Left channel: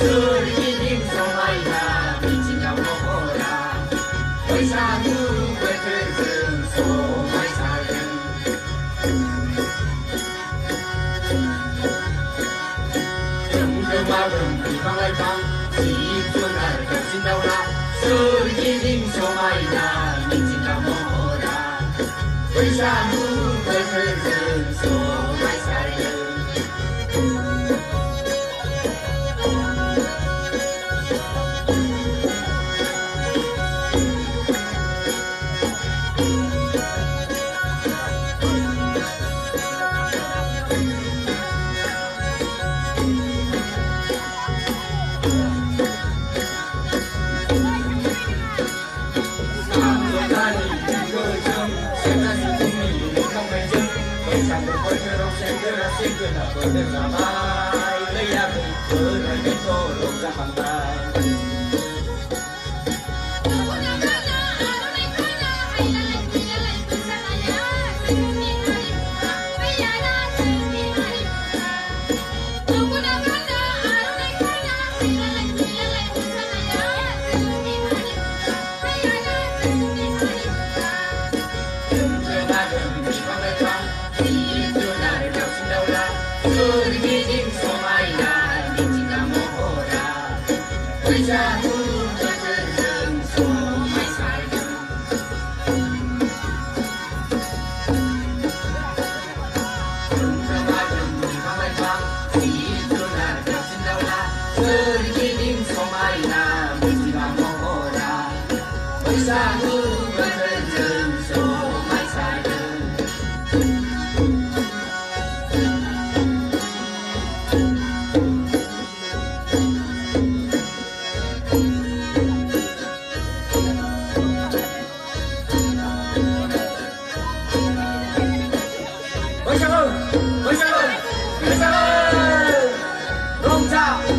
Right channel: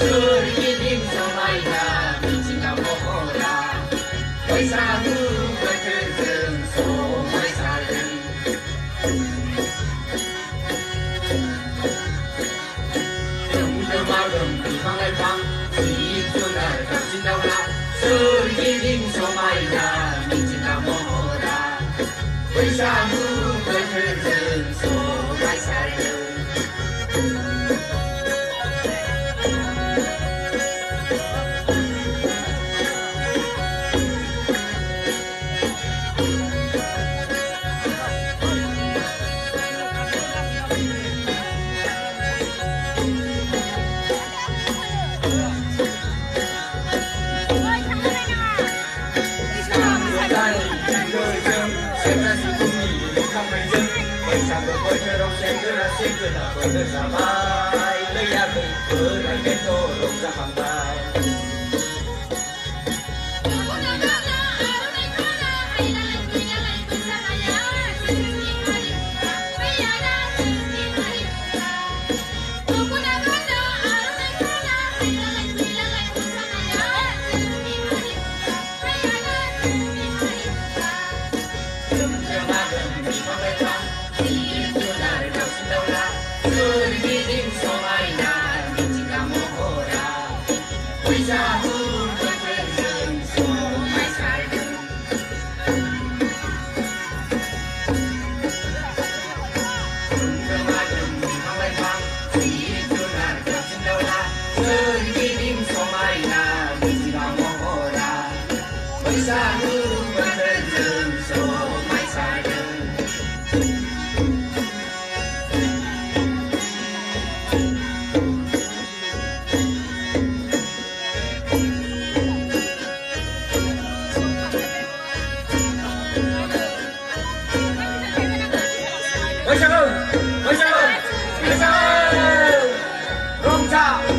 즐기는 소마이다 미친다 먹어라 의사는 같은 소마이 살은 정정하던 비방할 밤 지입수날 겹친다오라 즐기는 소마이다 미친다 먹어라 의사는 같은 소마이 살은 Hãy subscribe cho kênh Ghiền Mì Gõ để không bỏ lỡ Ngôi sao ơi, ngôi sao ơi, ngôi sao ơi, ngôi sao.